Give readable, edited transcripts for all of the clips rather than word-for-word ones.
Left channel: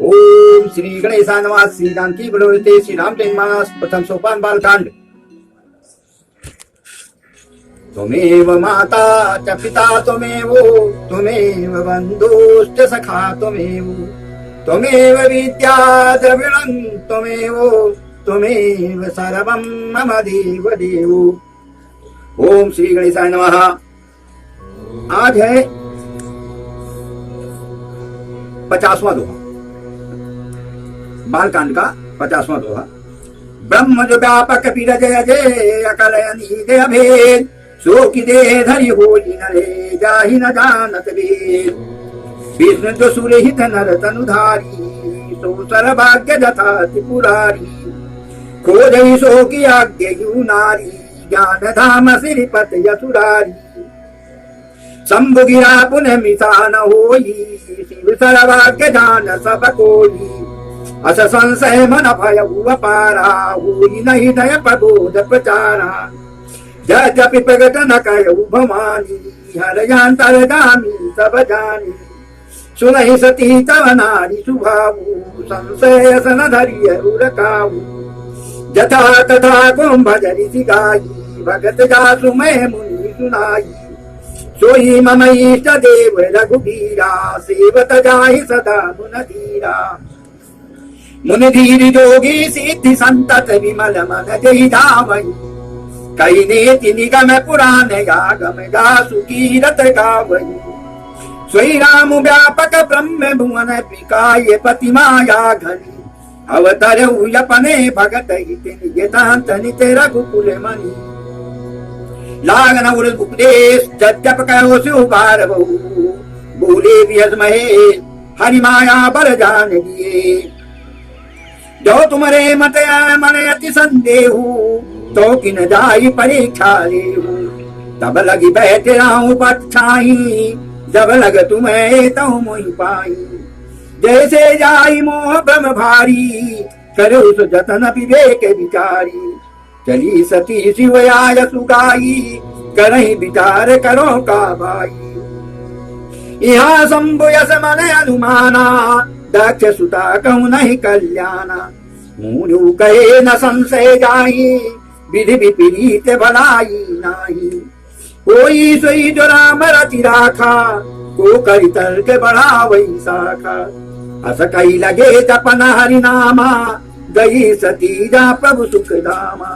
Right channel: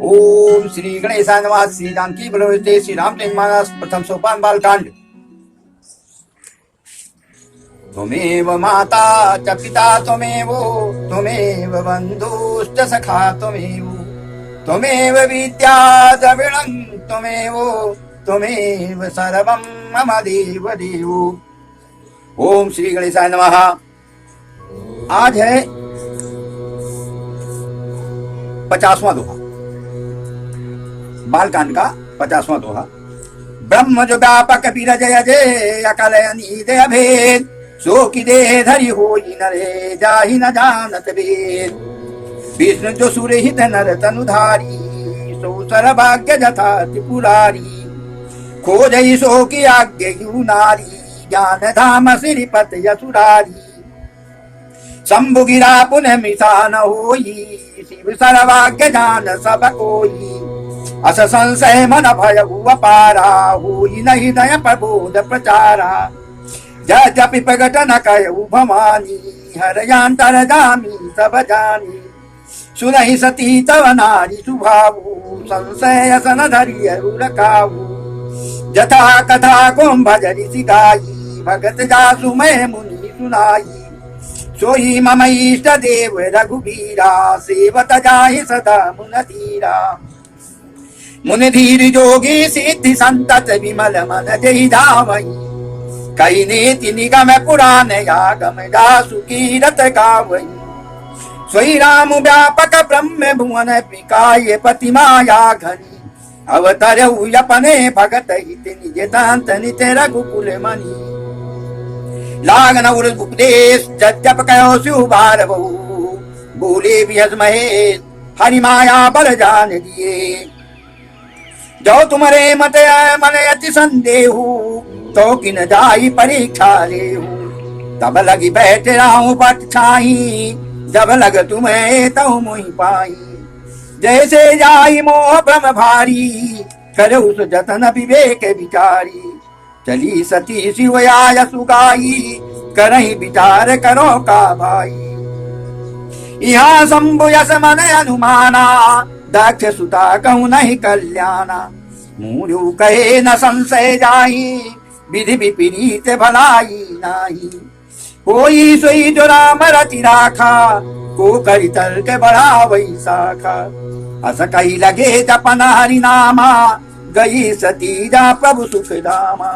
ओम श्री गणेशाय नमः। श्री जानकी बलोते श्री रामचंद्र मानस प्रथम सोपान बालकांड। त्वमेव माता च पिता त्वमेव, त्वमेव बन्धुश्च सखा त्वमेव, त्वमेव विद्या द्रविणं त्वमेव, त्वमेव सर्वं मम देव देव। ओम श्री गणेशाय नमः। आज है 50वां दोहा, बालकांड का 50वां दोहा। ब्रह्म जो व्यापक विरजय जय अकल अनीदय भेद, सो की देह धरि होई नरे जाहि न जानत वेद। विष्णु जो सुरहित नर तनुधारी, सो सर्वभाग्य जथा त्रिपुरारी। खोजहि सो की आज्ञा नारी, ज्ञान धाम श्रीपत यसुरारी। शंभु गिरा पुनः मिसा न होई, शिव सर्वभाग्य जान सब कोई। अस संशय मन भय हुआ पारा, होई नहीं दय प्रबोध प्रचारा। जपि प्रगट न कयऊ भवानी, हरयांतर जामी सब जानी। सुनहि सती तव नारी सुभावु, संशय सन धरि अरुर काऊ। जथा तथा कुंभ जरि सिगाई, भगत जासु मैं मुनि सुनाई। सोई मम इष्ट देव रघुबीरा, सेवत जाहि सदा मुन धीरा। मुनि धीर जोगी सिद्धि संतत विमल मन जहि धामहि। कई नेति निगम पुराण यागम जासु कीरत गावहि। सोई राम व्यापक ब्रह्म भुवन विकाय पति माया घनी। अवतरऊ अपने भगत हित निज तांत नित रघुकुल मनि। लागन उर उपदेश जप कहो शिव भारवो, बोले विहस महेश हरि माया बल जान दिए। जो तुम्हारे मत मन अति संदेहु, तो किन जाई परीक्षा लेहु। तब लगी बैठ राहु पट छाही, जब लग तुम्हें तऊ मुहि पाई। जैसे जाई मोह भ्रम भारी, करहु सो जतन विवेक विचारी। चली सती शिव आय सुगाई, करहि विचार करो का भाई। यहाँ शंभु यस मन अनुमाना, दक्ष सुता कहूँ नहीं कल्याणा। मुनु कहे न संशय जाही, विधि विपरीत भलाई नाही। कोई सोई जो राम रति राखा, को करि तर्क बढ़ावई शाखा। अस कही लगे जपन हरि नामा, गई सती जा प्रभु सुख धामा।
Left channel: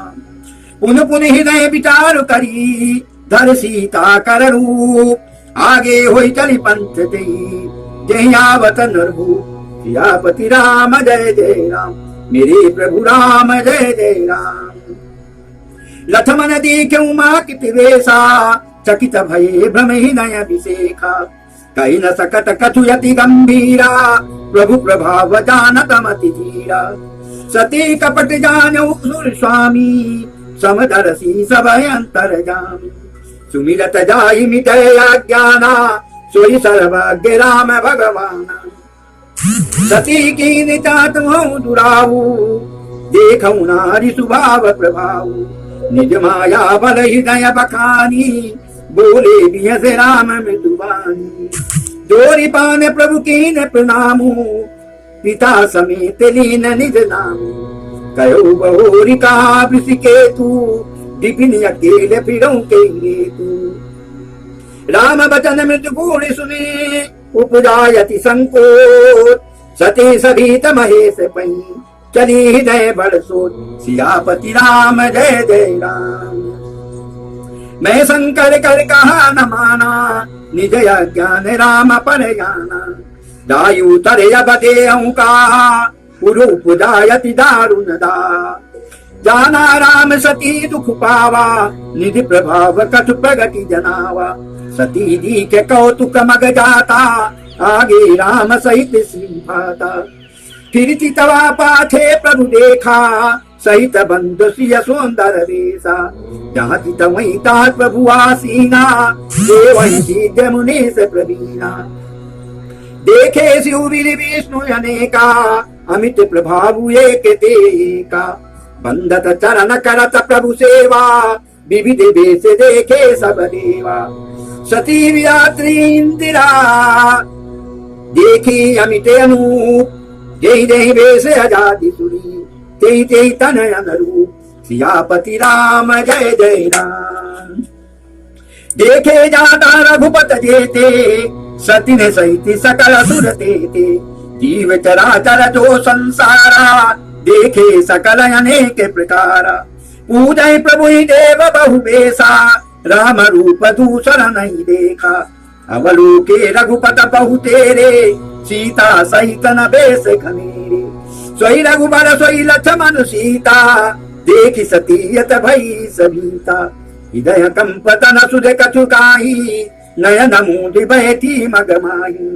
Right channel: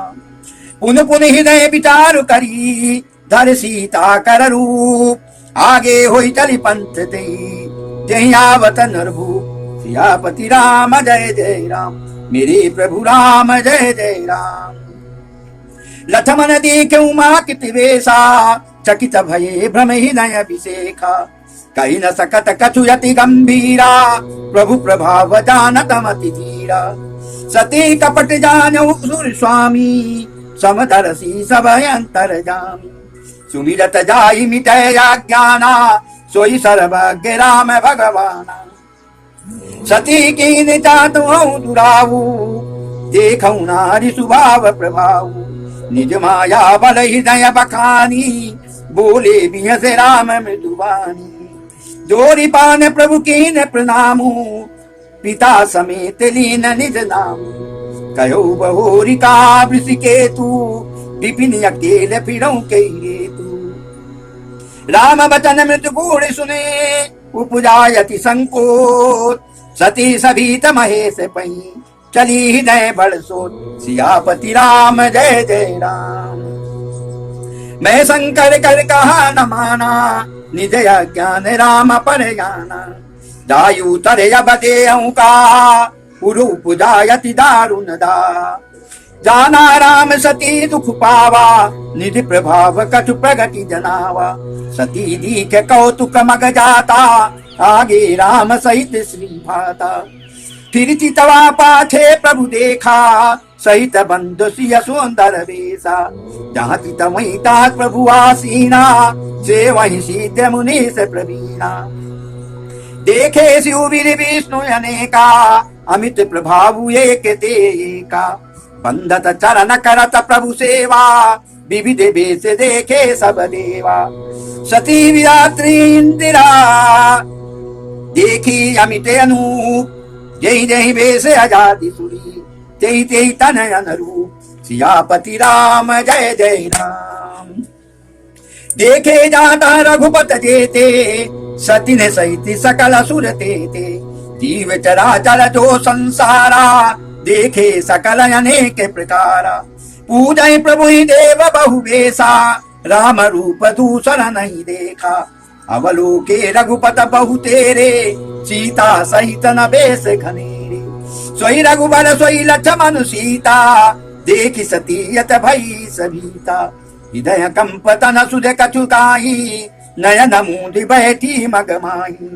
पुन पुन हृदय विचार करी, धर सीता कर रूप। आगे होई चली पंथ दई, जहि आवत नरभू। सियापति राम जय जय राम, मेरे प्रभु राम जय जय राम। लथमन देखे उमा कित वेशा, चकित भये भ्रम हृदय विशेखा। कही न सकत कछु यति गंभीरा, प्रभु प्रभाव जानत मति धीरा। सती कपट जानऊ सुर स्वामी, समदर्शी सब अंतर जामी। सुमिरत जाहि मिटय अज्ञाना, सोई सर्वज्ञ राम भगवाना। सती की निचात हूँ दुराऊ, देखऊ नारी स्वभाव प्रभाऊ। निज माया बल हृदय बखानी, बोले बिहस राम मृदुवानी। जोरी पान प्रभु कीन प्रणामू, पिता समेत लीन निज नामू। कहो बहोरी का वृषिकेतु, विपिन अकेले फिरऊं के हेतु। राम बचन मृदु गुण सुने, उपजायति संकोच। सती सभीत महेश पई, चली हृदय बड़ सोच। सियापति राम जय जय राम। मैं शंकर कर कहा न माना, निज ज्ञान राम पर जाना। जायु तरे अब देहूं का, पुरूप जायति दारुण दा। जाना राम सती दुख पावा, निधि प्रभाव कछु प्रगति जनावा। सती दीख कौतुक मग जाता, आगे राम सहित श्री भाता। फिर चितवा पाछे प्रभु देखा, सहित बंधु सिय सुंदर वेशा। जहाँ चित वहीं तात प्रभु आसीना, दे वहीं सिद्ध मुनि से प्रवीणा। देखे शिव विष्णु अनेका, अमित प्रभाव एक तेका। बंधत चरण करत प्रभु सेवा, विविध वेश देखे सब देवा। सती विरात्री इंदिरा, देखी अमित अनूप। जेहि जेहि वेश आजादी सुरी तेहि तेहि तनय अनुरूप सियापति राम जय जय राम। देखे जाता रघुपत जेते सती ने सहित सकल असुर तेते जीव चराचर जो संसारा देखे सकल अनेक प्रकारा पूजय प्रभु ही देव बहु बेसा राम रूप दूसरा नहीं देखा अवलोके रघुपत बहु तेरे सीता सहित न बेस घनेरे सोई रघुबर सोई लक्ष्मण सीता देखि सतीयत भई सभीता हृदय कंपत न सुध कछु काही नयन मूंदि बैठी मगमाही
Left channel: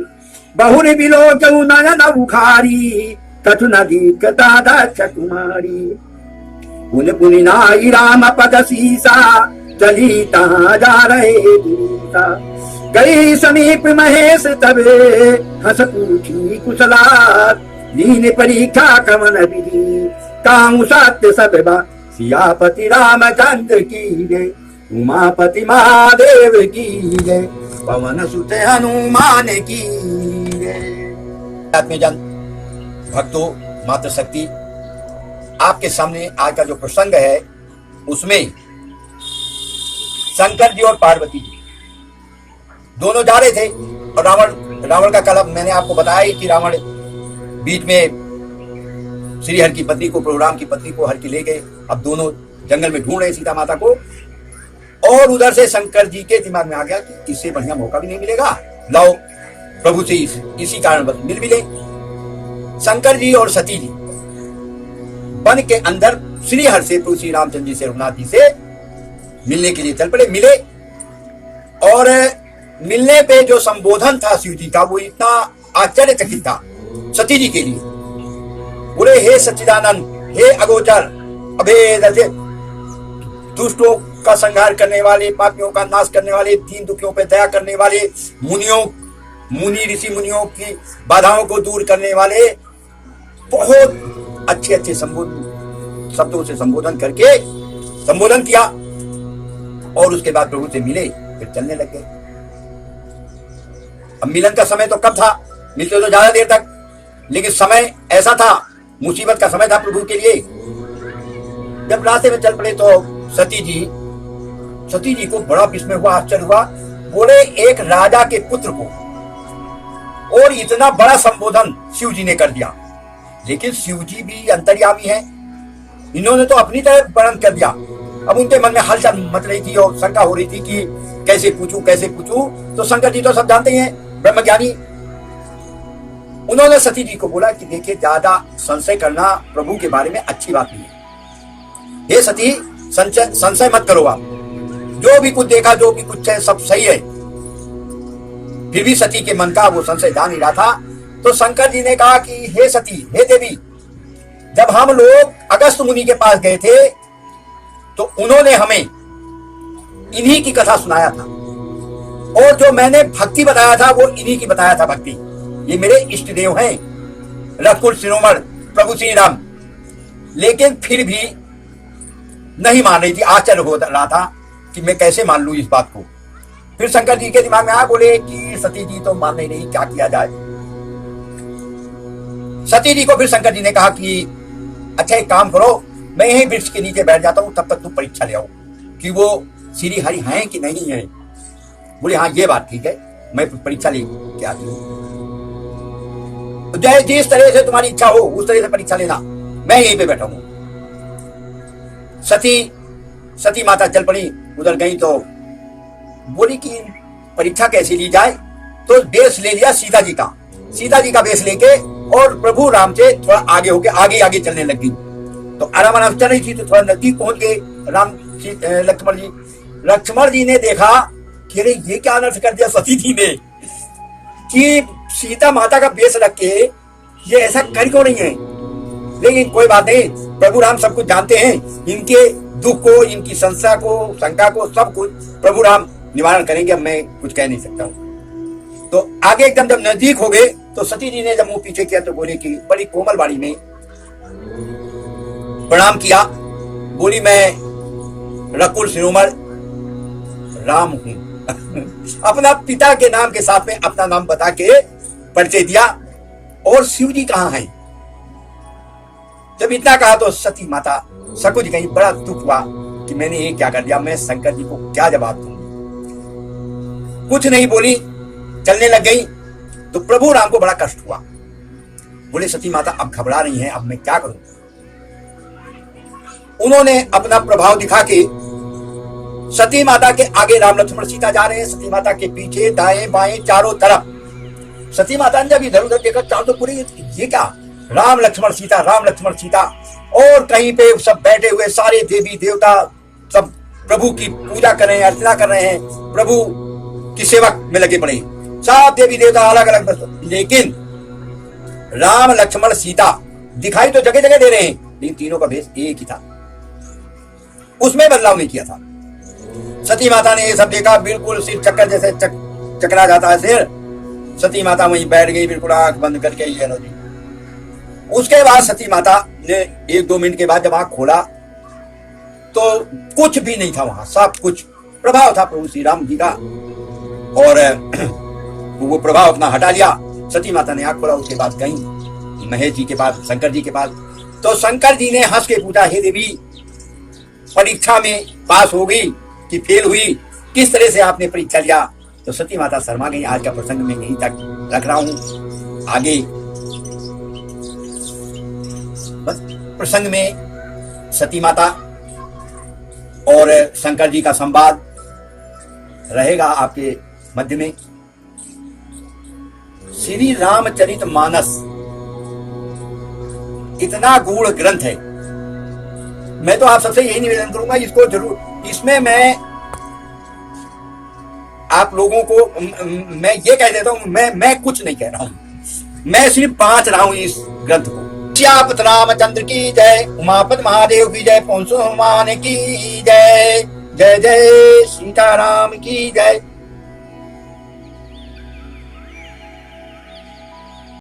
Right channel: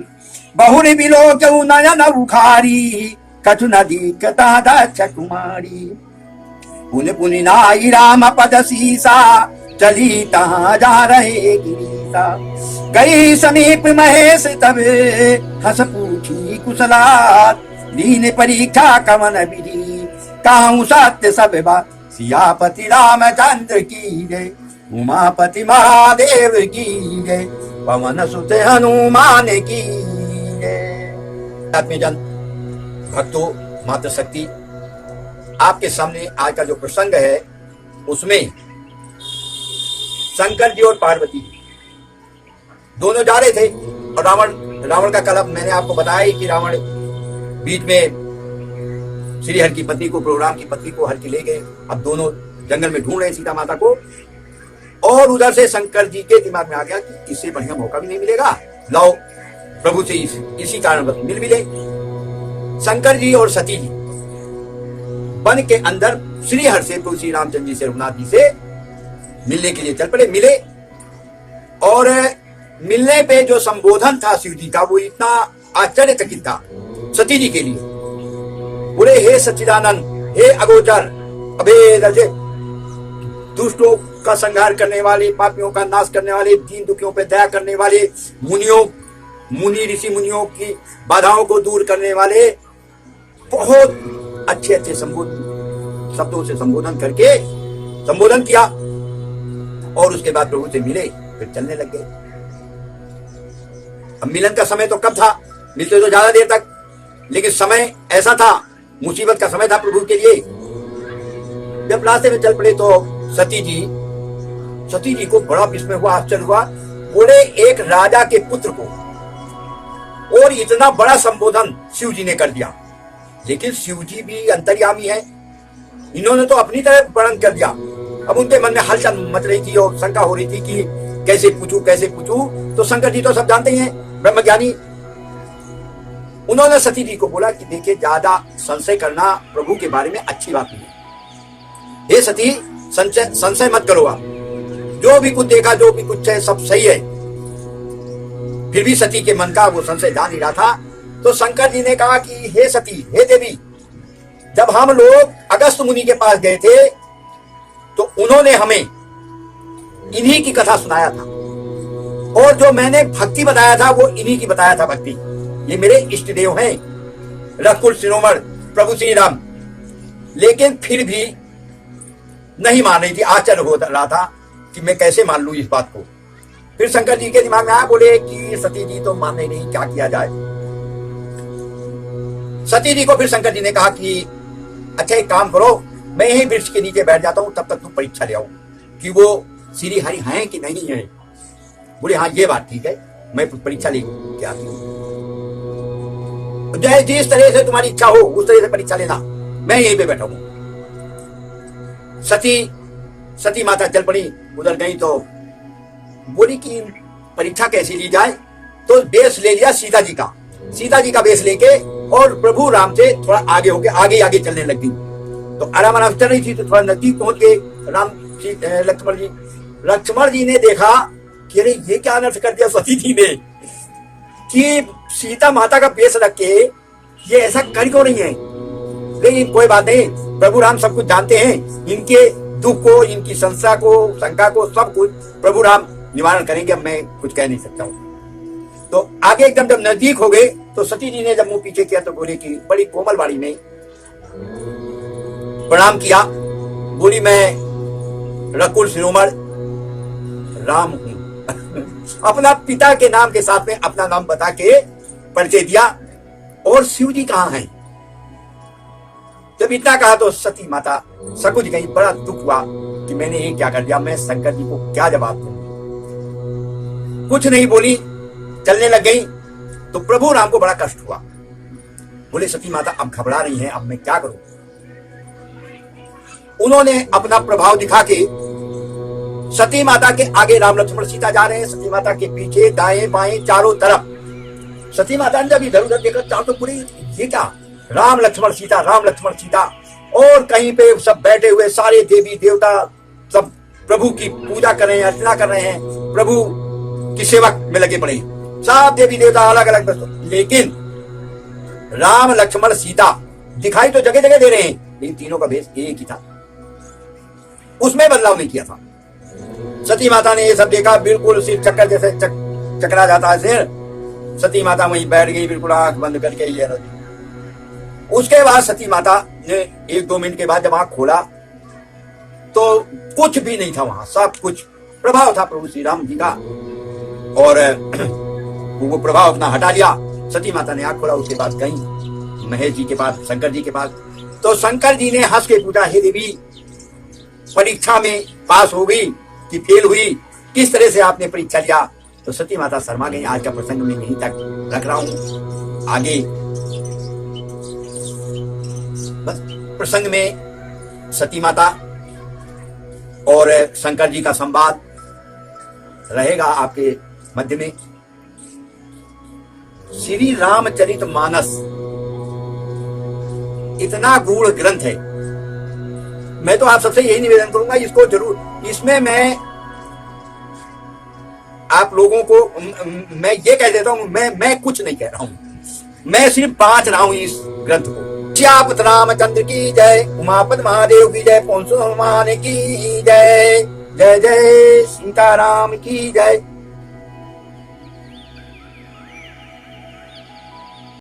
बहुरी बिलोचऊ नयन उखारी कछु न दीखता दक्ष कुमारी पुन पुनि नाई राम पद सीसा चली तहाँ जा रहे गिरीता गई समीप महेश तबे हंस पूछी कुशलात दीन परीक्षा कवन विधि काहू सत्य सब बात सियापति रामचंद्र की जय उमापति महादेव की जय पवन सुत हनुमान की जय। आत्मीयजन भक्तों माता शक्ति आपके सामने आज का जो प्रसंग है उसमें शंकर जी और पार्वती जी दोनों जा रहे थे और रावण का कलह मैंने आपको बताया कि रावण बीच में श्री हर की पत्नी को प्रभु राम की पत्नी को हर की ले गए। अब दोनों जंगल में ढूंढ रहे सीता माता को और उधर से शंकर जी के दिमाग में आ गया कि इससे बढ़िया मौका भी नहीं मिलेगा, लाओ प्रभु से इसी कारण मिल मिले। शंकर जी और सती जी वन के अंदर श्री हर से प्रभु श्री रामचंद्र जी से रघुनाथ जी से मिलने के लिए चल पड़े। मिले और मिलने पे जो संबोधन था शिव जी का वो इतना आश्चर्यचकित था सती जी के लिए। बोले हे सच्चिदानंद, हे अगोचर अभेद अजय, दुष्टों का संहार करने वाले, पापियों का नाश करने वाले, दीन दुखियों पे दया करने वाले, मुनि ऋषि मुनियों की बाधाओं को दूर करने वाले, बहुत अच्छे अच्छे शब्दों से संबोधन करके संबोधन किया और उसके बाद प्रभु से मिले, फिर चलने लग गए। अब मिलन का समय तो कब था, मिलते तो ज्यादा देर तक, लेकिन समय ऐसा था, मुसीबत का समय था प्रभु के लिए। जब रास्ते में चल पड़े तो सती जी को बड़ा विस्मय हुआ, आश्चर्य हुआ। बोले एक राजा के पुत्र को और इतना बड़ा संबोधन शिव जी ने कर दिया। लेकिन शिव जी भी अंतर्यामी है, इन्होंने तो अपनी तरह वर्णन कर दिया। अब उनके मन में हलचल मच रही थी और शंका हो रही थी कि कैसे पूछूं। तो शंकर जी तो सब जानते हैं, ब्रह्मज्ञानी। उन्होंने सती जी को बोला कि देखिए ज्यादा संशय करना प्रभु के बारे में अच्छी बात नहीं है। हे सती, संशय मत करो आप, जो भी कुछ देखा, जो भी कुछ है, सब सही है। फिर भी सती के मन का वो संशय जान ही रहा था। तो शंकर जी ने कहा कि हे सती, हे देवी, जब हम लोग अगस्त मुनि के पास गए थे तो उन्होंने हमें इन्हीं की कथा सुनाया था और जो मैंने भक्ति बताया था वो इन्हीं की बताया था भक्ति। ये मेरे इष्ट देव हैं, रघुकुल शिरोमणि प्रभु श्री राम। लेकिन फिर भी नहीं मान रही थी, आश्चर्य हो रहा था कि मैं कैसे मान लूं इस बात को। फिर शंकर जी के दिमाग में आया, बोले कि सती जी तो मान नहीं, क्या किया जाए। सती जी को फिर शंकर जी ने कहा कि अच्छा एक काम करो, मैं यही वृक्ष के नीचे बैठ जाता हूं, तब तक तुम परीक्षा ले आओ कि वो श्री हरि हैं कि नहीं है। बोले हाँ ये बात ठीक है, मैं परीक्षा ले के आती हूँ। जिस तरह से तुम्हारी इच्छा हो उस तरह से परीक्षा लेना, मैं यहीं पे बैठा हूं। सती माता चल पड़ी, उधर गई तो बोली कि परीक्षा कैसे ली जाए। तो वेश ले लिया सीता जी का वेश लेके और प्रभु राम से थोड़ा आगे होके आगे चलने लग गई। तो आराम चल रही थी तो थोड़ा नजदीक पहुंच गए लक्ष्मण जी ने देखा कि अरे ये क्या अनर्थ कर दिया सती जी ने कि सीता माता का वेश रख के ये ऐसा कर क्यों नहीं है। लेकिन कोई बात नहीं, प्रभु राम सब कुछ जानते हैं, इनके दुख को, इनकी शंका को सब कुछ प्रभु राम निवारण करेंगे। अब मैं कुछ कह नहीं सकता हूँ। तो आगे एकदम जब नजदीक हो गए तो सती जी ने जब मुंह पीछे किया तो बोली कि बड़ी कोमल वाणी में प्रणाम किया। बोली मैं रघुकुल शिरोमणि राम हूं। अपना पिता के नाम के साथ में अपना नाम बता के परिचय दिया। और शिव जी कहाँ हैं, जब इतना कहा तो सती माता सकुच गई, बड़ा दुख हुआ कि मैंने ये क्या कर दिया, मैं शंकर जी को क्या जवाब दूंगी। कुछ नहीं बोली, चलने लग गई। तो प्रभु राम को बड़ा कष्ट हुआ। बोले सती माता अब घबरा रही हैं, अब मैं क्या करूं। उन्होंने अपना प्रभाव दिखा के सती माता के आगे राम लक्ष्मण सीता जा रहे हैं, सती माता के पीछे दाएं बाएं चारों तरफ। सती माता ने जब इधर उधर देखा, चारों तो पूरे ये क्या, राम लक्ष्मण सीता, राम लक्ष्मण सीता। और कहीं पे सब बैठे हुए सारे देवी देवता सब प्रभु की पूजा कर रहे हैं, अर्चना कर रहे हैं, प्रभु की सेवा में लगे पड़े, सब देवी देवता अलग अलग। लेकिन राम लक्ष्मण सीता दिखाई तो जगह जगह दे रहे हैं, लेकिन तीनों का भेष एक ही था, उसमें बदलाव नहीं किया था। सती माता ने ये सब देखा, बिल्कुल सिर चक्कर जैसे चकरा जाता है सिर। सती माता वहीं बैठ गई, बिल्कुल आंख बंद करके। ये नदी उसके बाद सती माता ने 1-2 मिनट के बाद जब आंख खोला तो कुछ भी नहीं था वहां, सब कुछ प्रभाव था प्रभु श्री राम जी का। और वो प्रभाव अपना हटा लिया। सती माता ने आंख खोला, उसके बाद गई महेश जी के पास, शंकर जी के पास। तो शंकर जी ने हंस के पूछा, हे देवी, परीक्षा में पास हो गई कि फेल हुई, किस तरह से आपने परीक्षा लिया। तो सती माता शर्मा गई। आज का प्रसंग मैं यहीं तक रख रहा हूं, आगे बस प्रसंग में सती माता और शंकर जी का संवाद रहेगा आपके मध्य में। श्री रामचरित मानस इतना गूढ़ ग्रंथ है, मैं तो आप सबसे यही निवेदन करूंगा, इसको जरूर, इसमें मैं आप लोगों को मैं ये कह देता हूं, मैं कुछ नहीं कह रहा हूं, मैं सिर्फ बांट रहा हूं इस ग्रंथ को। श्यापत रामचंद्र की जय, उमापत महादेव की जय, पौंसो हनुमान की जय, जय जय सीताराम की जय।